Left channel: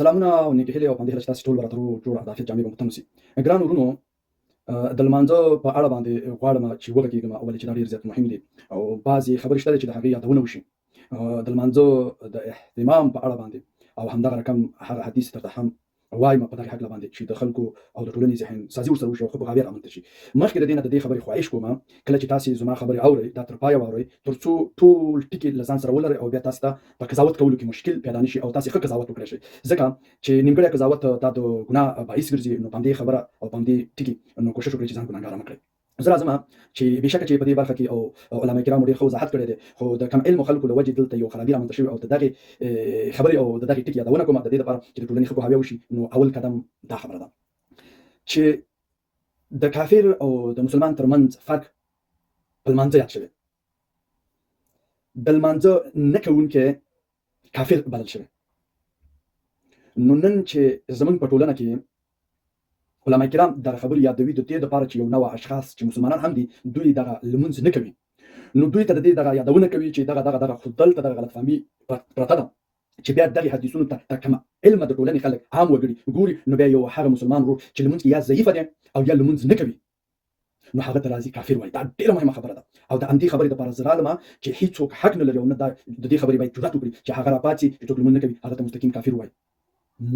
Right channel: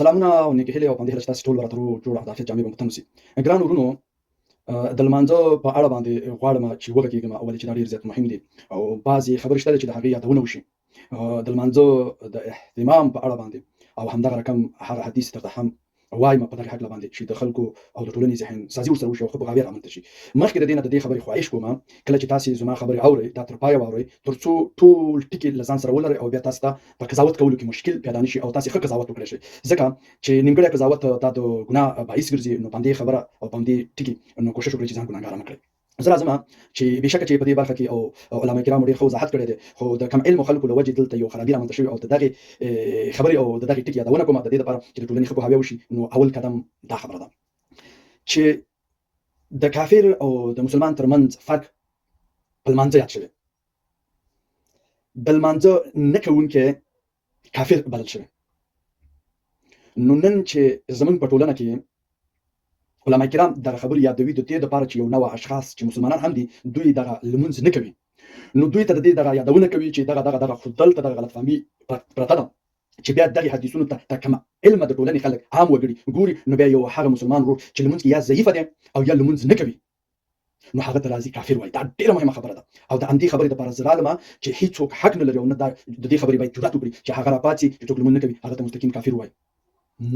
سلامونه او نیکې هیلې او پندې هیله چې تاسو ټول به راته جوړ او د عافیت جامې به مو تن وسي. ګران وروڼو، د لمانځه په اړه باندې غواړم چې وغږېږم، ولې چې دا ډېر زیات مهم دي او بعضې خبرې شته چې د هغې یادونه وشي. د لمانځه د اهتمام په اړه باندې او همدغه رقم هغه حدیث درته هم وایم په دغه هکله باندې چې د خلکو او د ټولنې ذهن سازي ورسره وشي او ښه پوهاوی رامنځته شي. مخکې د دې نه د دې خبرې خواهش کوم، کله چې تاسې زما خبرې اورئ دا تر پایه واورئ، تر څو ټول ټکي له ځان سره ولرئ او بیا تاسو ته په قضاوت کولو کې مشکل پیدا نه شي او تاسې ښه قضاوت وکړئ شئ. ځکه چې نیمګړی قضاوت دا د ګناه باعث ګرځي. نو په همدې خبره او په همدې ټکي نو کوشش وکړئ چې ځان ګناهګاره نه کړئ. زه راځم چې بېشکه چې په دې برخه کې او علامه کرامو ډېر ښه وضاحت کړی دی، خو د کم علمو خلکو له وجې دلته یو خرابي رامنځته شوې او د دغې خبرې او د دغې ټکي یادونه کوم د دې لپاره چې د ټولنې ښه پوهاوی وشي. نو اول قدم دا خبره ده چې د کافر او د مسلمان ترمنځ فرق په لمانځه یاد شوی. د لمانځه نه کوونکی کافر بلل شوی. نو نن چې زمونږ په ټولنه کې علما کرام دغه خبرې یادوي د دې لپاره چې یو نوع اشخاص چې مسلمانان هم دي دوی دغه لمونځ نه کوي، نو دوی ته د دې دغه یادونه کوي چې دغه خو دلته دغه غلطفهمي پرته ده چې بیا دغې حدیثونو ته کم علمه د ټولنې خلک عام وګړي ګوري، نو بیا یو هغه مسلمان ورور چې لمونځ کې یا ضعیفه دی او یا لمونځ نه کوي، نو هغه ته راځي کافر وایي. دا ډېره مهمه خبره ده او د همدې خبرې دپاره زه رالمه چې هېڅوک حق نه لري او نه د دې خبرې باید جرأت وکړي چې هغه راپاڅي چې څوک لمونځ نه کوي هغه ته مستقیم کافر وایي.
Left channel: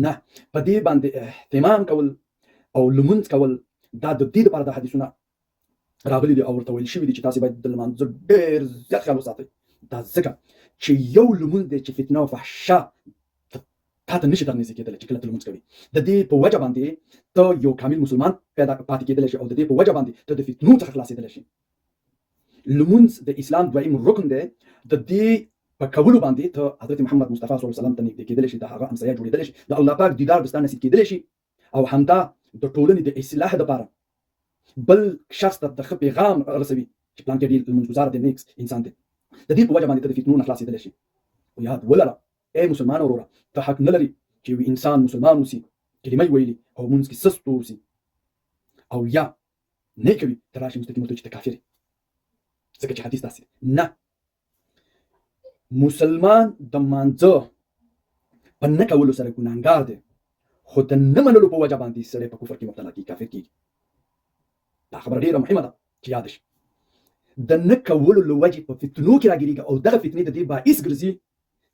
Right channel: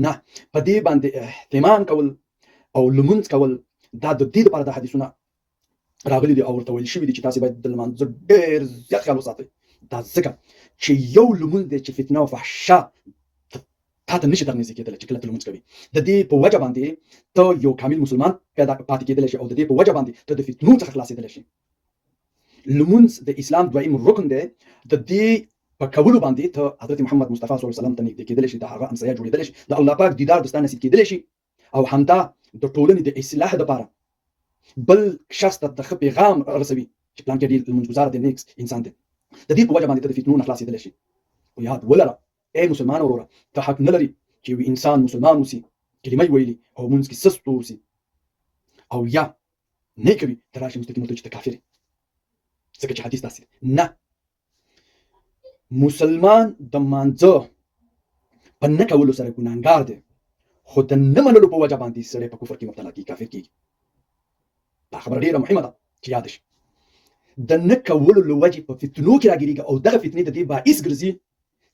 نه، په دې باندې اهتمام کول او لمونځ کول دا د دې لپاره د حدیثونه راغلي دي او ورته ویل شوي دي چې تاسې باید د لمانځه ډېر زیات خیال وساتئ. دا ځکه چې یو لمونځ دی چې فتنه او فحشا تا ته نشي درنږدې کېدلی چې کله ته لمونځ کوي. د دې په وجه باندې ته یو کامل مسلمان پیدا پاتې کېدلی شي او د دې په وجه باندې ته د فتنو څخه خلاصېدلی شي. لمونځ د اسلام دویم رکن دی. د دې په کولو باندې ته حضرت محمد مصطفی صلی الله علیه وسلم ته نږدې کېدلی شي، د هغه همسایه جوړېدلی شي، د الله پاک دیدار د ستا نصیب کېدلی شي او همدا د ټولنې د اصلاح لپاره بل شخص ته د ښه پیغام رسوي چې پلان کې ډېر لمونځګزاره دی، نیکس انسان دی. د دې په وجه باندې ته د فتنو نه خلاصېدلی شي. خو یاد ولره ای مسلمان وروره، ته حق نه لري چې یو انسان مسلمان اوسي، کلمه یې ویلي او لمونځ کې سست واوسي او یا نه کوي ته راشي مستقیم ورته چې ته کافر یې، ځکه چې حدیث داسې دی. نه، مسلمان د لمانځه په نه کولو سره ګناهګار دی، خو د نه منلو په وجه باندې سړی په کفر کې مبتلا کېږي، کافر کېږي. دا خبره ډېره مهمه ده چې یاد شي. د نه کولو له وجې په فتنو کې راګیرېږي او دغه فتنې د دې باعث ګرځي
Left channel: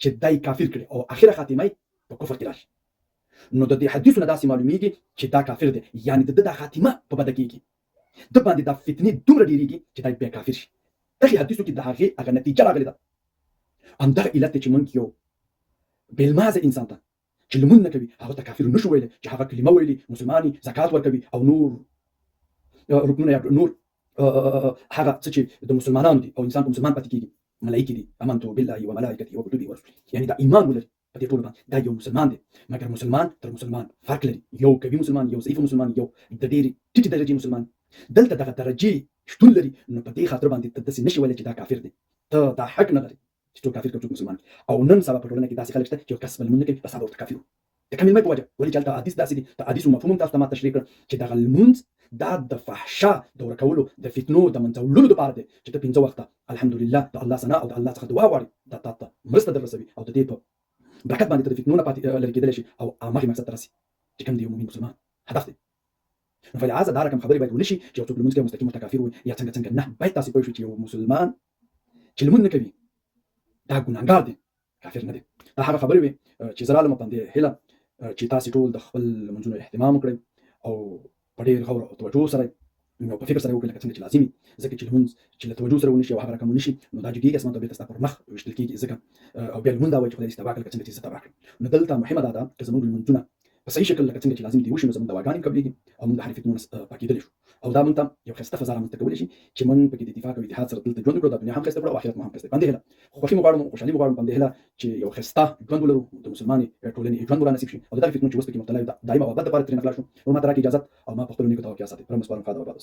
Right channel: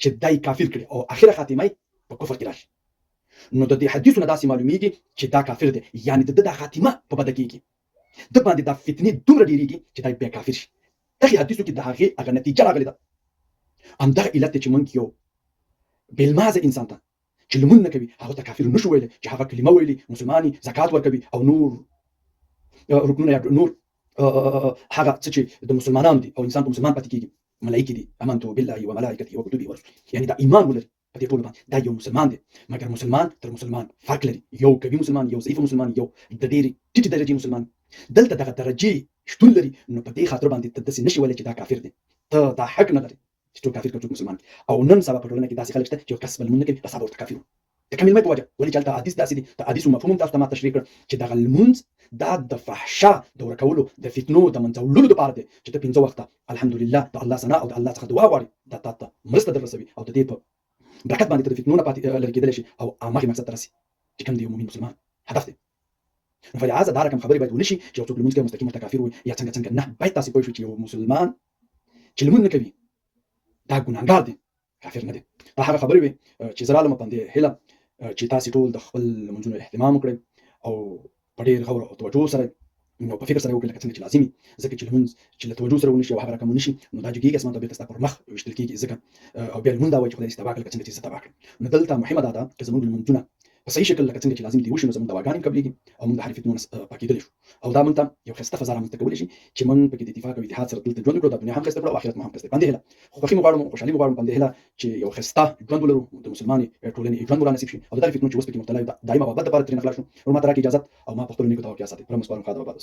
چې دی کافر کړي او اخره خاتمه یې په کفر کې راشي. نو د دې حدیثونه داسې معلومیږي چې دا کافر دی، یعنې د ده دا خاتمه په بده کېږي، ده باندې دا فتنې دومره ډېرېږي چې دی بیا کافر شي. دغې حدیثو کې د هغې هغه نتیجه راغلې ده. همدغه علت دی چې موږ یو بېلمازه انسان ته چې لمونځ نه کوي هغه ته کافر نه شو ویلی، چې هغه کلمه ویلي، مسلمان زکات ورکوي او نور رکنونه یا نور هغه څه چې د مسلمانانو دي او انسان په مسلمان پاتې کېږي، ملایکې دي، امنت بالله وملائکته وکتبه ورسله، یعنې دا ایمان ولري په دې ټولو باندې دا یو مسلمان دی. مګر مسلمان تر مسلمان فرق لري، یو قوي مسلمان، یو ضعیف مسلمان، یو د ډېرې ټیټې درجې مسلمان. دلته دغه درجې شتون لري، نو په دې خاطر باندې ته داسې نشي ویلی چې دا کافر دی. ته دا حق نه لري چې څوک کافر کړي څوک مسلمان. او نن سبا په ټولنه کې داسې خلک شته چې یو کس به لمونځ نه کوي بس هغه ورته کافر د کلمې په وجه، ولې چې هلته حدیث داسې دی. د حدیثو مفهوم هم تاسو ته ما تشریح کړ چې دغه لمونځ دا د فحشا د ورکولو د فتنو د منځه وړلو دپاره دی چې ته 5 وخته الحمدلله د الله ثنا او د الله څخه دعا غواړې، دا تا ته مرسته در رسوي او د دې په برکت باندې ته د فتنو نه پاتې لرې کېدلی شي او هغې مقصد ته رسي چې کوم د یو مؤمن مسلمان هدف دی. نو فلهذا دا رقم خبرې باید ونه شي چې یو څوک لمونځ کوي مستقیم ورته کافر وایي یا څنګه. نه، باید تاسې پوه شئ چې یو مسلمان چې لمونځ نه کوي دا ګناهګار دی، کافر نه دی. دا هغه خبرې وې چې زه رالم په همدې هیله چې تاسې ټول د خپل لمونځونو اهتمام وکړئ او په ډېر غور او توجه سره نو په فکر سره وکړئ لکه څنګه چې لازمي، ځکه چې لمونځ چې له توجه سره ونه شي او هغه رقم ونه شي نو دا جګېږي اسمان ته بېرته ستا پر مخ ویشتل کېږي، ځکه او بیا لمونځ دا وایي چې خدای دې تباه کړه لکه څنګه چې زه تباه کړم. نو دلته مهمه دا ده چې زموږ لمونځونه په صحیح شکل لکه څنګه چې لازم دي وشي نو زموږ دواګانې قبلېږي او موږ د هرې فتنو نه پاکېدلی شو او دا موږ ته یو ښایسته فضا رامنځته کولی شي چې موږ پکې د اتفاق او اتحاد سره دلته ژوند وکړو، د دنیا هم ښایسته کړو او آخرت مو هم ښایسته. په همدې هیله خوښي مو غواړم، خوشحالي مو غواړم، په همدې هیله چې یو ښایسته ژوند ولرو، د مسلمانې ټولنې ژوند مو رانصیب شي او د دغې فتنو چې اوس پکې مبتلا یو دایمه بابت دپاره ترېنه خلاص شو. نور ما ته راکړئ اجازت او ما په خپلو نیکو دعاو کې یاد ساتئ. رب مو سپارم خدا وباد.